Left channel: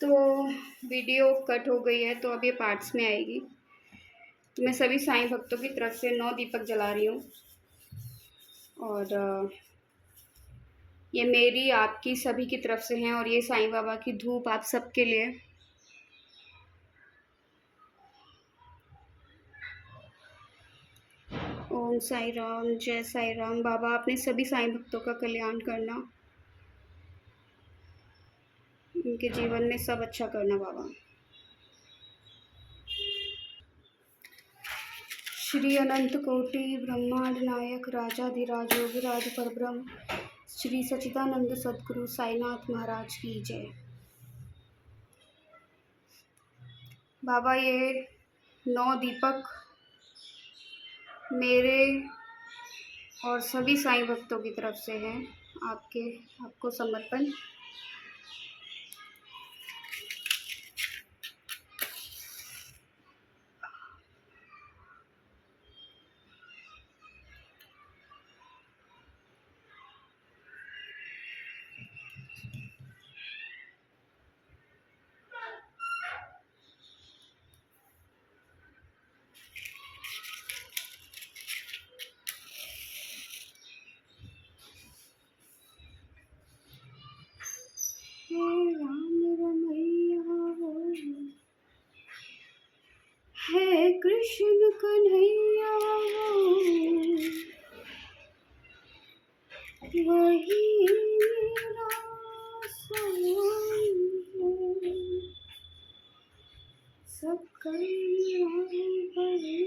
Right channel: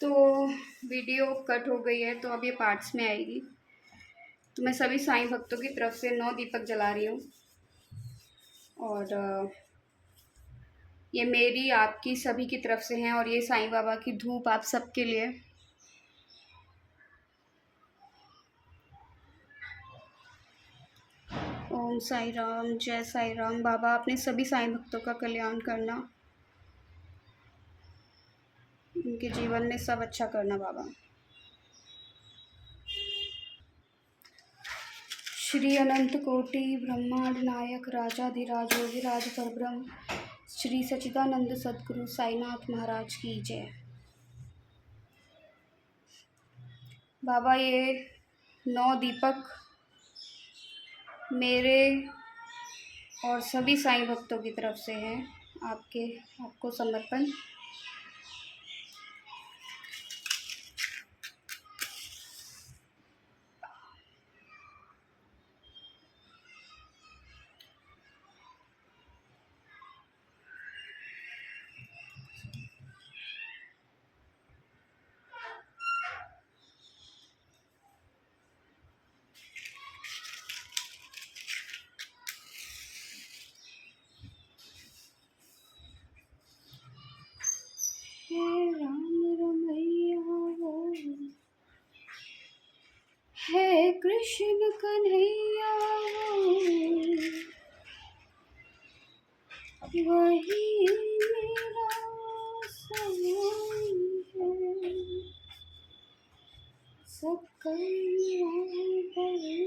तो video cut हो गई है, तो अब ये पार्ट्स में आएगी। तो मैं सभी साईं भक्तों की तरफ से 9 दीपक जला रही हूँ। और ये मेरी आपकी सभी की तरफ से हैं, और ये साईं बाबा की धूप आप सबके लिए। ओम साई राम, जय साई राम। बाबा अपने सभी साईं भक्तों का कल्याण करना, उनके जीवन में सब अच्छा करना बाबा। श्री अनंत कोटि ब्रह्मांड नायक राजाधिराज योगिराज परब्रह्म श्री सच्चिदानंद सद्गुरु साईनाथ महाराज की जय। बाबा ये 9 दीपक मेरे और सभी साईं भक्तों की तरफ से हैं, आपको समर्पण। हे राम रमैया हो, हे कृष्ण कन्हैया हो, वही मेरा समान है, सब कल्याण करे।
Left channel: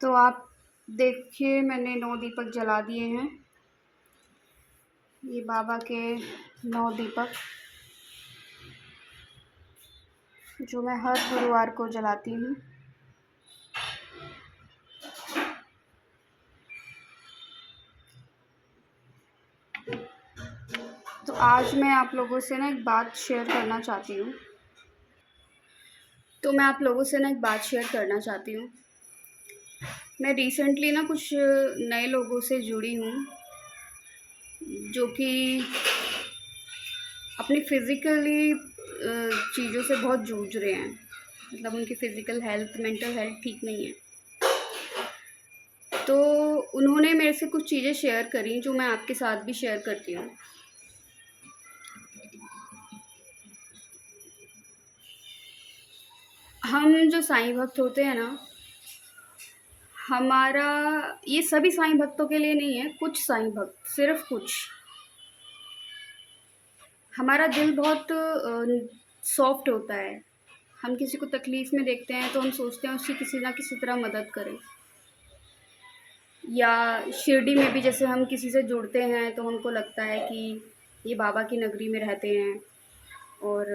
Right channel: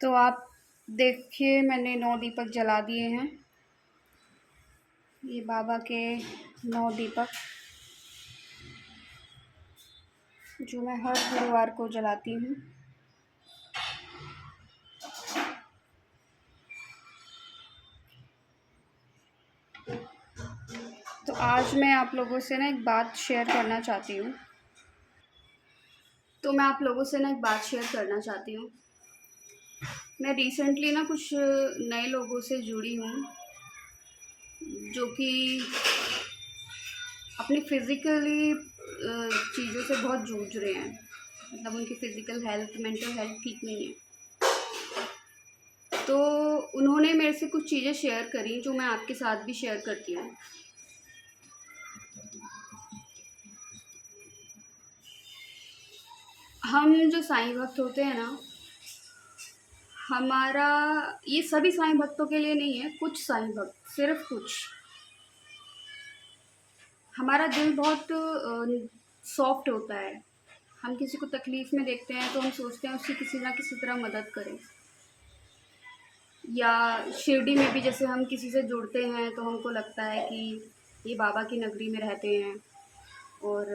तो आप देखिए, मैंने 9 दीपक जला दिए हैं। ये बाबा के 9 दीपक जो मैं हर गुरुवार को जलाती हूँ। तो आज मैं आप लोगों से ना एक बात शेयर करना चाहती हूँ। मैं रिसेंटली ना कुछ नए लोगों से जुड़ी हूँ, जो कि अपनी फिज़िकली चीज़ों से बहुत जूझ रहे हैं। मतलब उनकी फ़िज़िकल हेल्थ, मेंटल हेल्थ ठीक नहीं है। तो उन्होंने मेरे से कुछ चीज़ें शेयर करी, जो मैं आपके साथ भी शेयर करती हूँ। हम जो साईं भक्त होते हैं ना, हमारा ये सभी साईं भक्तों के लिए नहीं है, कुछ साईं भक्त, सिर्फ कुछ, हमारा दिल बहुत सॉफ्ट होता है। हम किसी को तकलीफ़ में देखते हैं तो हम सोचते हैं उसकी किसी ना किसी तरह मदद करें। या शिरडी में भी जैसे हम किसी से जुड़ते हैं तो हमको लगता है कि ये बाबा की नगरी में रहते हैं और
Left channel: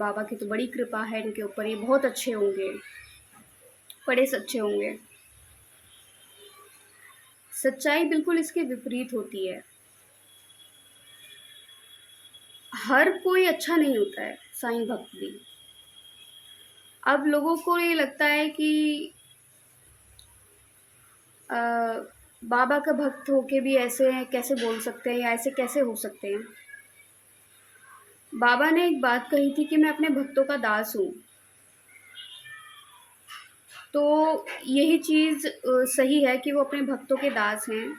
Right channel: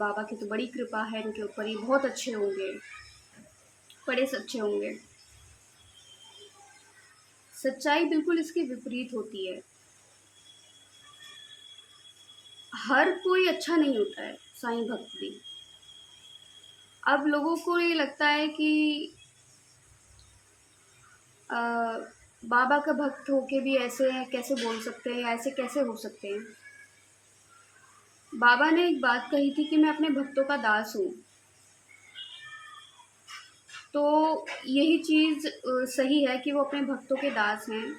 बाबा की तो बड़ी कृपा है इनके ऊपर, ये बहुत अच्छे होंगे, बड़े सच्चे होंगे। सच्चाई बिल्कुल इसके विपरीत होती है। हर कोई अच्छा नहीं होता है, साईं भक्त भी। अब लोगों को ये लगता है कि बाबा का भक्त होके भी ऐसे कैसे बोल सकते हैं या ऐसे कैसे हो सकते हैं। बाबा ने एक बात कही थी कि मैं अपने भक्तों का दास हूँ। तो यही चीज़ सही है कि वो अपने भक्तों के दास हैं।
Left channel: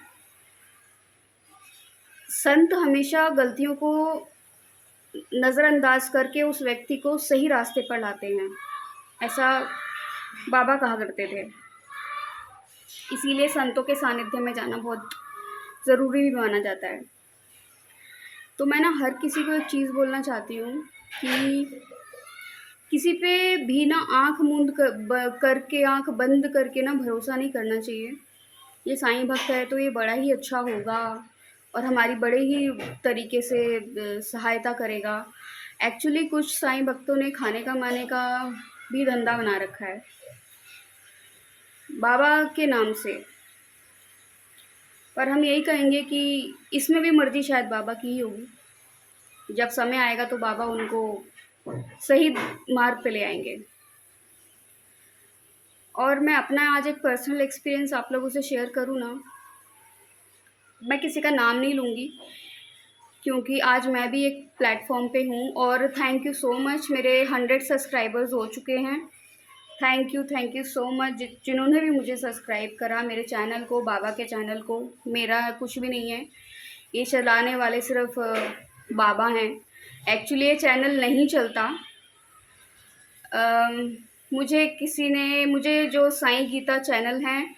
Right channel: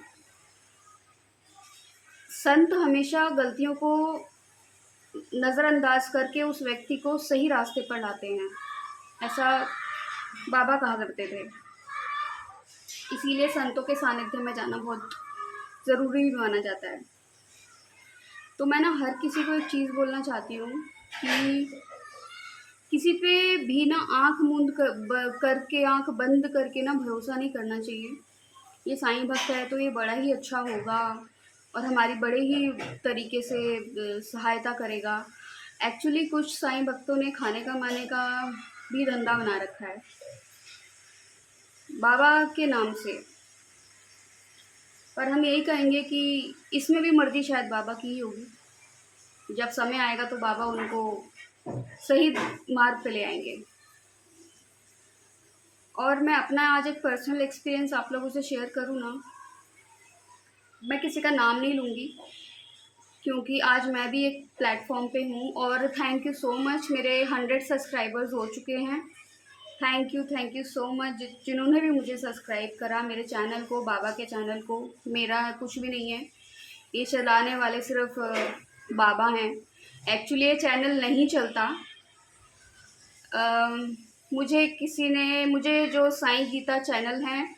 संत हमेशा गलतियों को नज़रअंदाज करके उस व्यक्ति को सही रास्ते पर लाते हैं, ऐसा बाबा कहा करते थे। इसीलिए संतों के सानिध्य में जाना बहुत ज़रूरी भी माना जाता है। तो मैं ना हर किसी को एक चीज़ बोलना चाहती हूँ कि किसी पे भी ना आँख मूंद करके, आँख बंद करके ना भरोसा नहीं करना चाहिए। ये साईं भक्त है तो ये बड़ा ही अच्छा होगा और हमारी बड़े ही तरीके से सहायता करेगा। एक्चुअली कुछ साईं भक्तों ने खाने का माने का भी धंधा बना रखा है बाबा के नाम से। पर हम यही कहेंगे कि इसमें भी मर्ज़ी शायद बाबा की ही होगी। जब समय आएगा तो बाबा उनको सही मार्ग पे ले आएंगे। और मैं अपना आज एक पर्सनल एक्सपीरियंस आप लोगों से शेयर करूँ ना, मैं किसी का नाम नहीं लूँगी क्योंकि आज मैं भी एक प्लेटफॉर्म पे हूँ। और थैंक यू सो मच, मेरे 100 सब्सक्राइबर्स हो चुके हैं। थैंक यू सो मच जिन्होंने भी मुझे सब्सक्राइब करा, मेरे चैनल को, बाबा के चैनल को। मेरा कुछ भी नहीं है, ये चलाने वाले सिर्फ बाबा हैं। एक्चुअली ये चैनल नहीं चलता। मुझे जो साईं गीता चैनल हैं,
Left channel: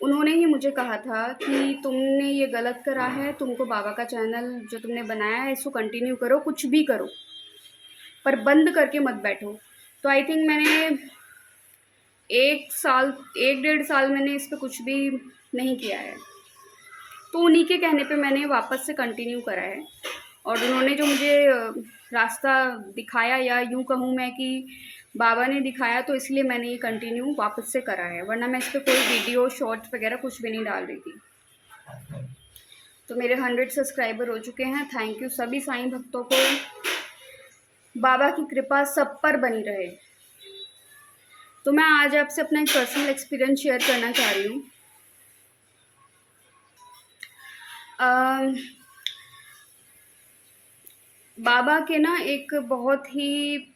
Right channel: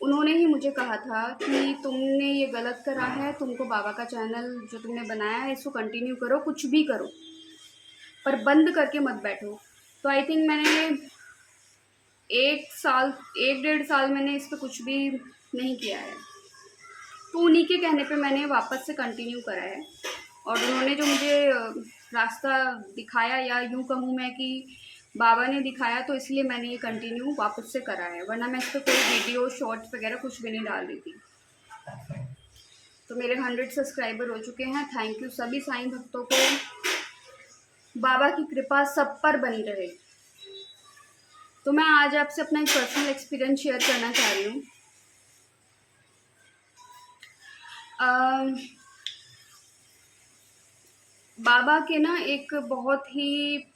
उन्होंने ही मुझे कहा था कि तुमने ये गलत करा है, तुमको बाबा का चैनल जो तुमने बनाया है इसको कंटिन्यू करो, कुछ भी करो, पर बंद करके मत बैठो। तो आई थिंक मैंने 1 डेढ़ साल मैंने इस पर कुछ भी नहीं किया है। तो उन्हीं के कहने पे मैंने वापस से कंटिन्यू करा है। और उन्होंने जो मुझे रास्ता दिखाया, या यूँ कहूँ मैं कि बाबा ने दिखाया, तो इसलिए मैंने ये कंटिन्यू वापस से करा है, वरना मैं इस पर कोई वीडियो शॉर्ट्स वगैरह कुछ भी नहीं डाल रही थी। तो मेरे 100 सब्सक्राइबर हो चुके हैं। थैंक यू सभी साईं भक्तों को। बाबा की कृपा सब पर बनी रहे। तो मैं आज आपसे अपना एक पर्सनल एक्सपीरियंस शेयर करना चाह रही हूँ। बाबा के ना एक बहुत ही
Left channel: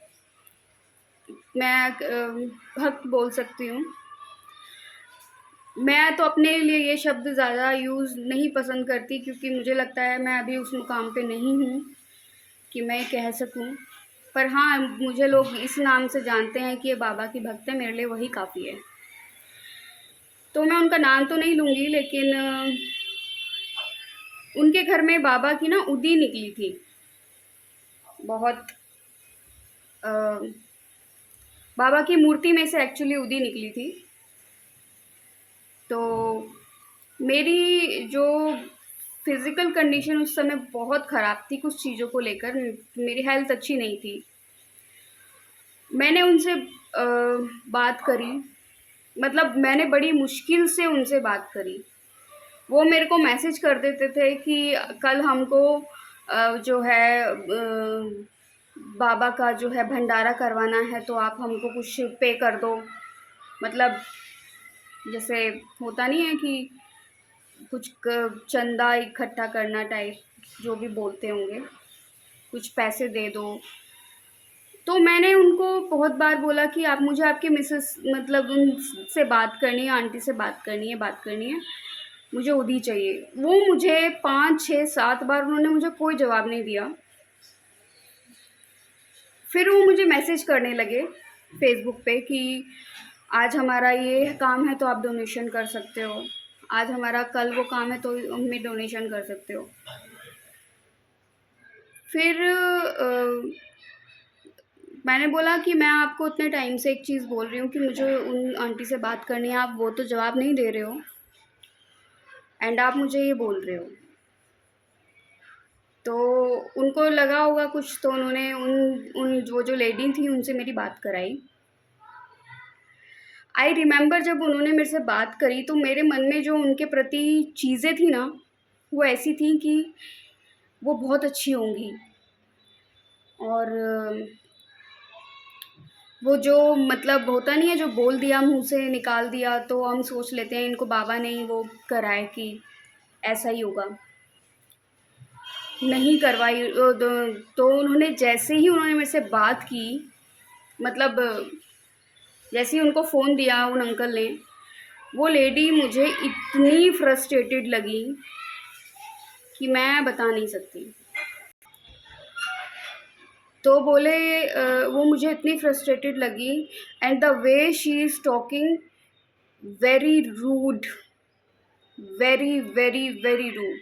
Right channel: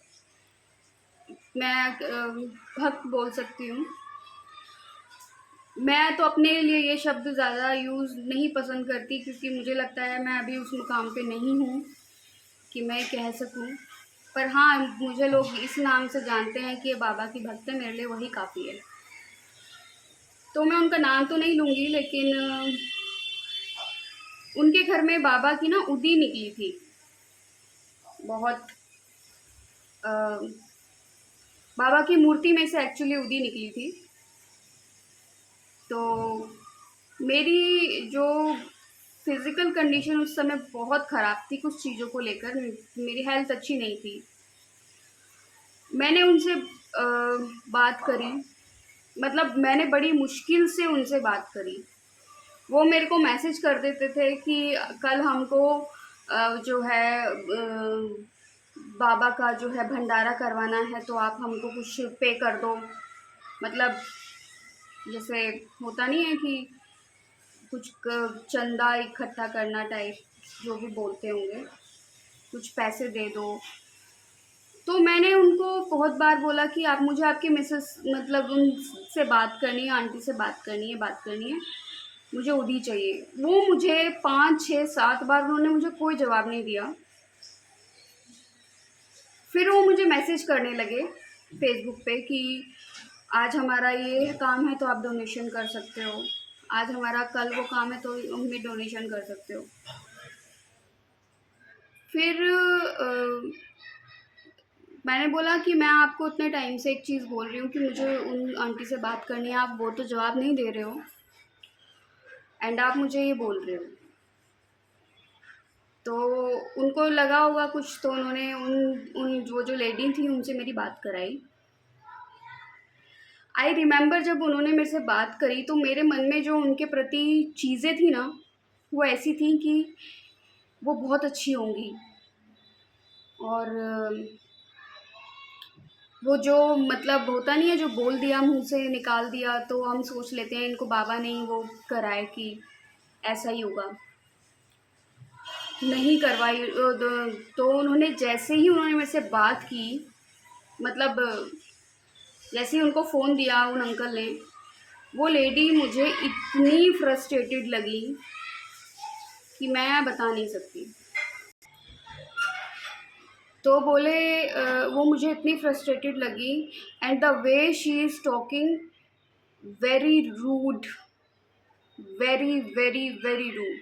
मैं भक्त बोल सकती हूँ। मैं तो अपने लिए ये शब्द ज़्यादा यूज़ नहीं पसंद करती, क्योंकि मुझे लगता है मैं अभी उस मुकाम पे नहीं हूँ कि मैं कह सकूँ। पर हाँ, मुझे लोग इस नाम से जानते हैं कि ये बाबा की भक्त है, मेरे लिए वही काफ़ी है। तो मैं उनका नाम तो नहीं लूँगी, लेकिन उनके घर में बाबा की ना उदी निकली थी बहुत। बाबा की मूर्ति में से एक्चुअली उदी निकली थी। तो मेरी जो फिज़िकल कंडीशन उस समय बहुत ख़राब थी, कुछ चीज़ों को लेकर मेरी हेल्थ अच्छी नहीं थी। मैंने उनसे बात करी, मतलब मैंने बड़ी मुश्किल से उनसे बात करी। वो मेरे को मैसेज कर देते थे कि कल हमको जो है बाबा का जो है भंडारा करवाना है, तो आप हमको कुछ पे कर दो। मतलब जैसे होता नहीं है कि कुछ चंदा इकट्ठा करना टाइप, जो भी बोलते होंगे, कुछ पैसे दे दो। तो मैंने उनको बहुत बार बोला कि आप मुझे आपके मिसेस, मतलब उनसे बात करनी है, आंटी से बात करनी है, मुझे उदी चाहिए। वो मुझे 5 6 7 बार उन्होंने मुझे कोई जवाब नहीं दिया। फिर वो मुझे मैसेज करने लगे फेसबुक पे कि आज हमारा ये काम है तो आप डोनेशन कर सकते हो, आज हमारा कल वो काम है तो हमें डोनेशन कर सकते हो। फिर मैंने बोला कि मैं आपको इतने टाइम से एक चीज़ बोल रही हूँ कि मुझे उन आंटी से बात करनी है, आप वो तो जवाब नहीं दे रहे हो, एंड आप मुझे ये बोल रहे हो। तो उनको लगा होगा कुछ, तो उन्होंने उन जो लेडी थी उनसे मेरी बात कराई। आई रिमेंबर जब उन्होंने मेरे से बात करी, तो मेरे मन में जो उनके प्रति चीज़ें थी ना, वो ऐसी थी कि वो बहुत अच्छी होंगी। और वो जो मतलब होता नहीं है, जो बोल दिया मुँह से निकाल दिया, तो हम सोच लेते हैं इनको बाबा ने ही वो कराए कि ऐसा ही होगा। नहीं करवाई। तो उन्होंने जैसे ही उन्होंने मेरे से बात की, मतलब जैसे ही उनको फ़ोन दिया उन अंकल ने, वो लेडी मुझे इतनी फ्रस्ट्रेटेड लगी कि मैं बता नहीं सकती। तो बोले वो मुझे इतनी फ्रस्ट्रेटेड लगी, and the way she is talking, very rude, very very very rude.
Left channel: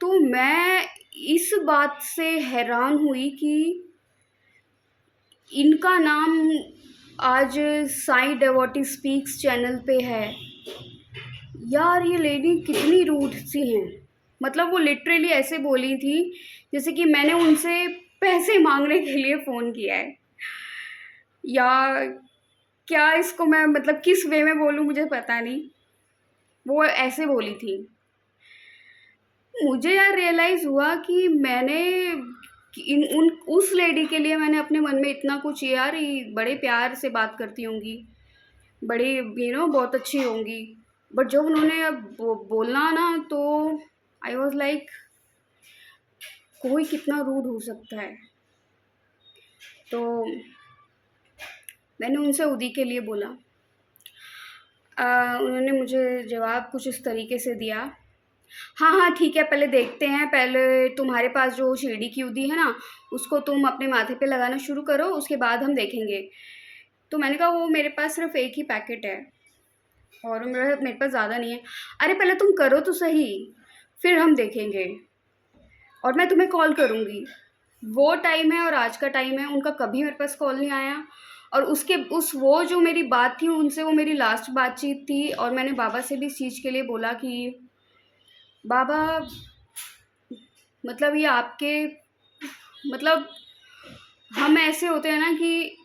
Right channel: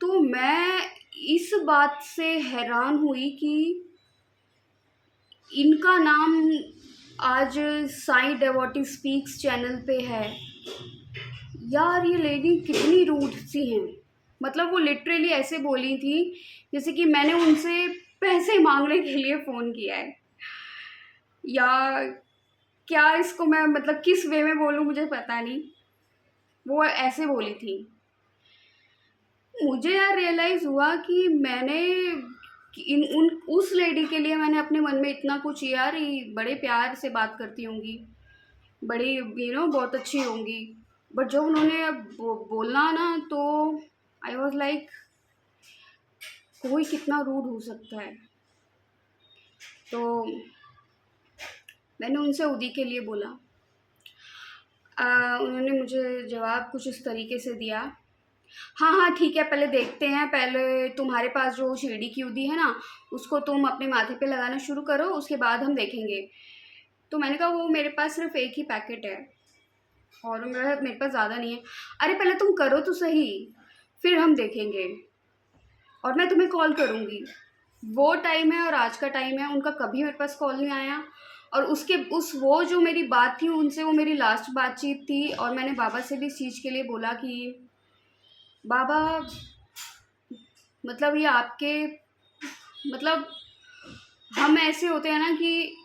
तो मैं इस बात से हैरान हुई कि इनका नाम आज साईं डेवोटी स्पीक्स चैनल पे है। यार ये लेडी कितनी रूड सी हैं। मतलब वो लिटरली ऐसे बोली थी जैसे कि मैंने उनसे पैसे मांगने के लिए फ़ोन किया है, या क्या इसको मैं मतलब किस वे में बोलूँ मुझे पता नहीं। वो ऐसे बोली थी। मुझे यार रियलाइज़ हुआ कि मैंने उस लेडी के लिए मैंने अपने मन में इतना कुछ, ये बड़े प्यार से बात करती होंगी, बड़ी बहुत अच्छी होंगी, बट जब उन्होंने बोलना ना, तो आई वॉज लाइक, कोई कितना रूड हो सकता है। तो मैंने उनसे उदी के लिए बोला। उन्होंने मुझे जवाब कुछ इस तरीके से दिया, हाँ हाँ ठीक है, पहले देखते हैं, पहले तुम्हारे पास जो शिरडी की उदी है ना, उसको तुम अपने माथे पे लगाना शुरू करो, उसके बाद हम देखेंगे। तो मैंने कहा वो मेरे पास सिर्फ एक ही पैकेट है और मेरे पास ज़्यादा नहीं है। अरे पहले तुम करो तो सही, फिर हम देखेंगे और मैं तुम्हें कॉल करूँगी। वो टाइम है और आज का टाइम है, उनका कभी मेरे पास कॉल नहीं आया। और वो जो मेरी बात थी उनसे, वो मेरी लास्ट बातचीत थी। और मैंने बाबा से भी इस चीज़ के लिए बोला कि बाबा, मतलब ये आपके, मतलब हम ऐसे होते हैं ना कि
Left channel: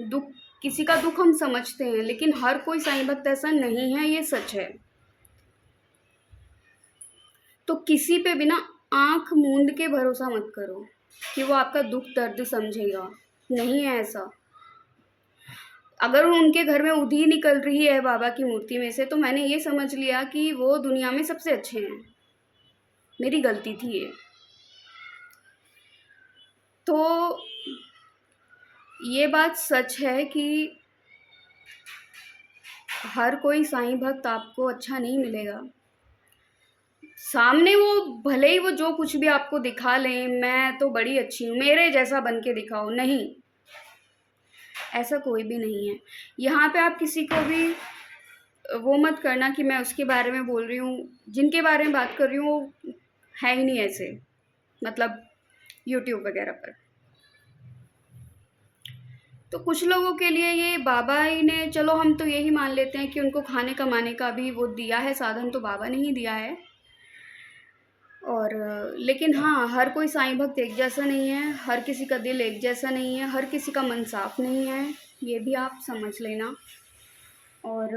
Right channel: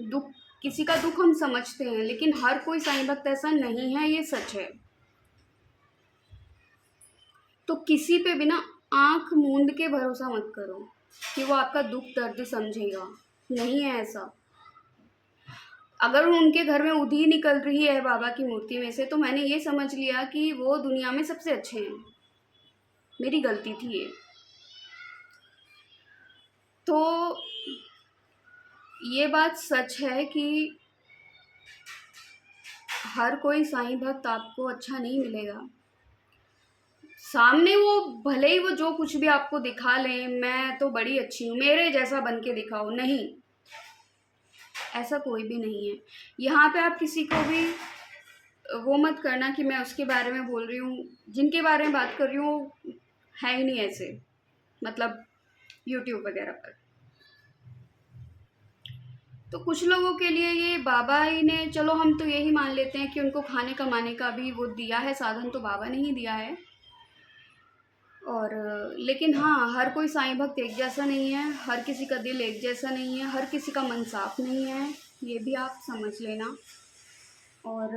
दुख, किसी का दुख हम समझते हैं, लेकिन हर कोई साईं भक्त ऐसा नहीं है, ये सच है। तो किसी पे भी ना आँख मूंद के भरोसा मत करो कि वो आपका दुख दर्द समझेगा, नहीं है ऐसा। अगर उनके घर में उधी निकल रही है बाबा की मूर्ति में से, तो मैंने ये समझ लिया कि वो दुनिया में सबसे अच्छे हैं। मेरी गलती थी ये। तो ये बात सच है कि हर कोई साईं भक्त आपको अच्छा नहीं मिलेगा। सामने वो भले ही वो जो कुछ भी आपको दिखा लें, मैं तो बड़ी अच्छी हूँ, मेरे जैसा बन के दिखाओ, नहीं, ऐसा कोई भी नहीं है। यहाँ पे आप किसी को भी वो मत करना कि मैं उसके बारे में बोल रही हूँ, जिनके बारे में बात कर रही हूँ वो है ही नहीं ऐसे, मतलब यूट्यूब वगैरह पर। तो कुछ लोगों के लिए ये बाबा ही ने, चलो हम तो यही मान लेते हैं कि उनको खाने कमाने का भी वो दिया है साधन, तो बाबा ने ही दिया है। और लेकिन हाँ, हर कोई साईं भक्त एक जैसा नहीं है, हर किसी का दिल एक जैसा नहीं है, हर किसी का मन साफ नहीं है, ये भी आप समझ लेना। और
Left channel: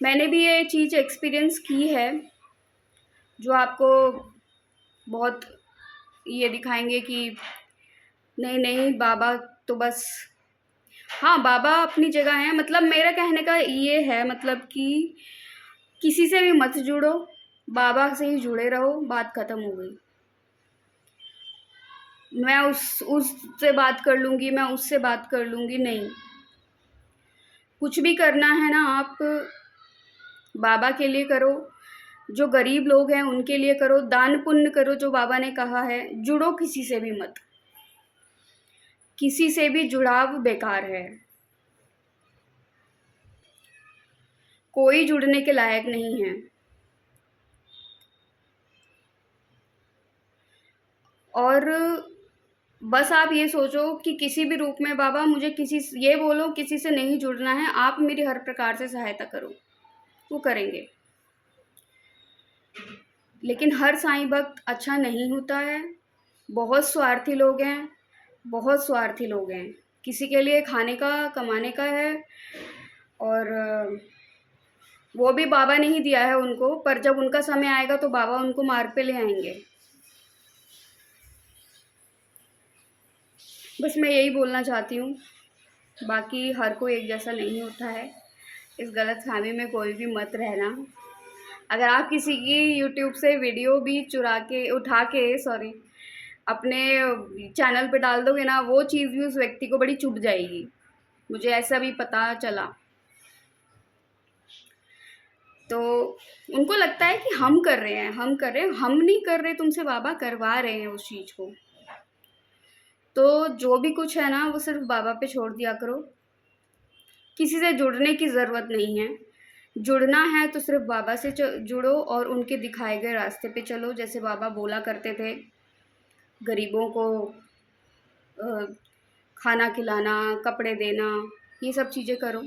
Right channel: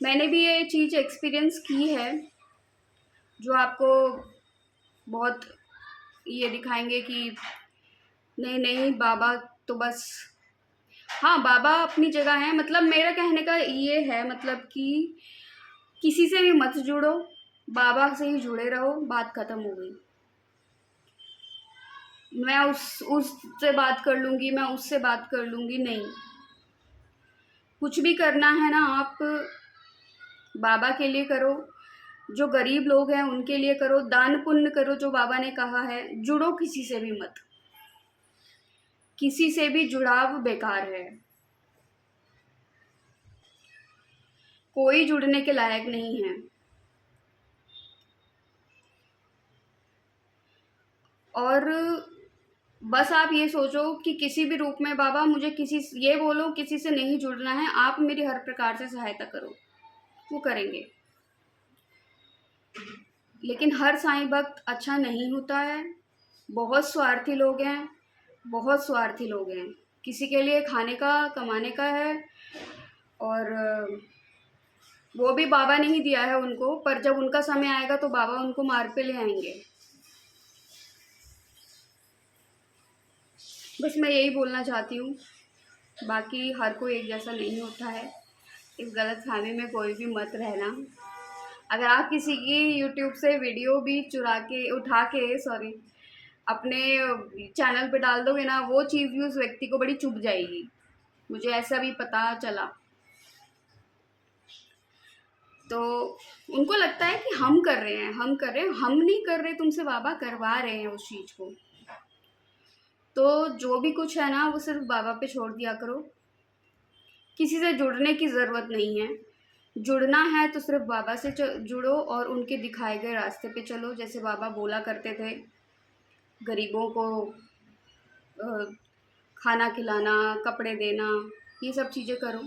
मैंने भी ये चीज़ एक्सपीरियंस की है, जो आपको बहुत ये दिखाएंगे कि नहीं नहीं बाबा तो बस, हाँ बाबा अपनी जगह है। मतलब मेरा कहने का ये है, मतलब कि किसी से भी मत जुड़ो, बाबा से ही जुड़े रहो, बात खत्म हो गई। मैं उससे बात कर लूँगी, मैं उससे बात कर लूँगी, नहीं। कुछ भी करना है ना, आप बाबा के लिए करो, जो गरीब लोग हैं उनके लिए करो, दान पुण्य करो, जो बाबा ने कहा है। जुड़ो किसी से भी मत, किसी से भी जुड़ाव बेकार है, कोई जुड़ने के लायक नहीं है। और बस आप ये सोचो कि किसी भी रूप में बाबा मुझे ये बोलो किसी से नहीं जुड़ना है, आप मेरी हर प्रकार से सहायता करो, वो करेंगे। लेकिन हर साईं भक्त अच्छा नहीं होता है, बहुत स्वार्थी लोग हैं, बहुत स्वार्थी लोग हैं, किसी के लिए खाने का कमाने का है। और वो भी बाबा ने ही दिया है उनको, पर जब उनका समय आएगा तो बाबा उनको मार्ग पे ले आएंगे। बस मैं यही बोलना चाहती हूँ, बाकी हर कोई एक जैसा नहीं होता है, इस गलतफहमी में कोई भी मत रहना। अगर आप किसी की यूट्यूब से वीडियो भी उठा के सॉरी अपने चैनल पे डाल दोगे ना, वो चीज़ भी उस व्यक्ति को बड़ी चुभ जाएगी, मुझे ऐसा भी पता चला। तो उनको लगता है कि हम कर रहे हैं, हम कर रहे हैं, हम नहीं कर रहे, तुमसे बाबा करवा रहे हैं उस चीज़ को। तो जो भी कुछ है ना, वो सिर्फ बाबा पे छोड़ दिया करो, किसी से जुड़ने की ज़रूरत नहीं है। जुड़ना है तो सिर्फ बाबा से जुड़ो और उनके दिखाए गए रास्ते पे चलो। जैसे बाबा बोला करते थे, गरीबों को खाना खिलाना, कपड़े देना, ये सब चीज़ें करो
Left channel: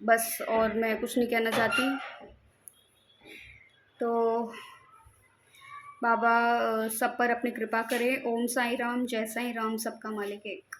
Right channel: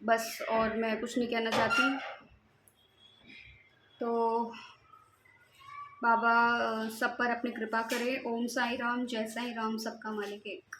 बस, और मैं कुछ नहीं कहना चाहती। तो बाबा सब पर अपनी कृपा करे। ओम साई राम, जय साई राम, सबका मालिक एक।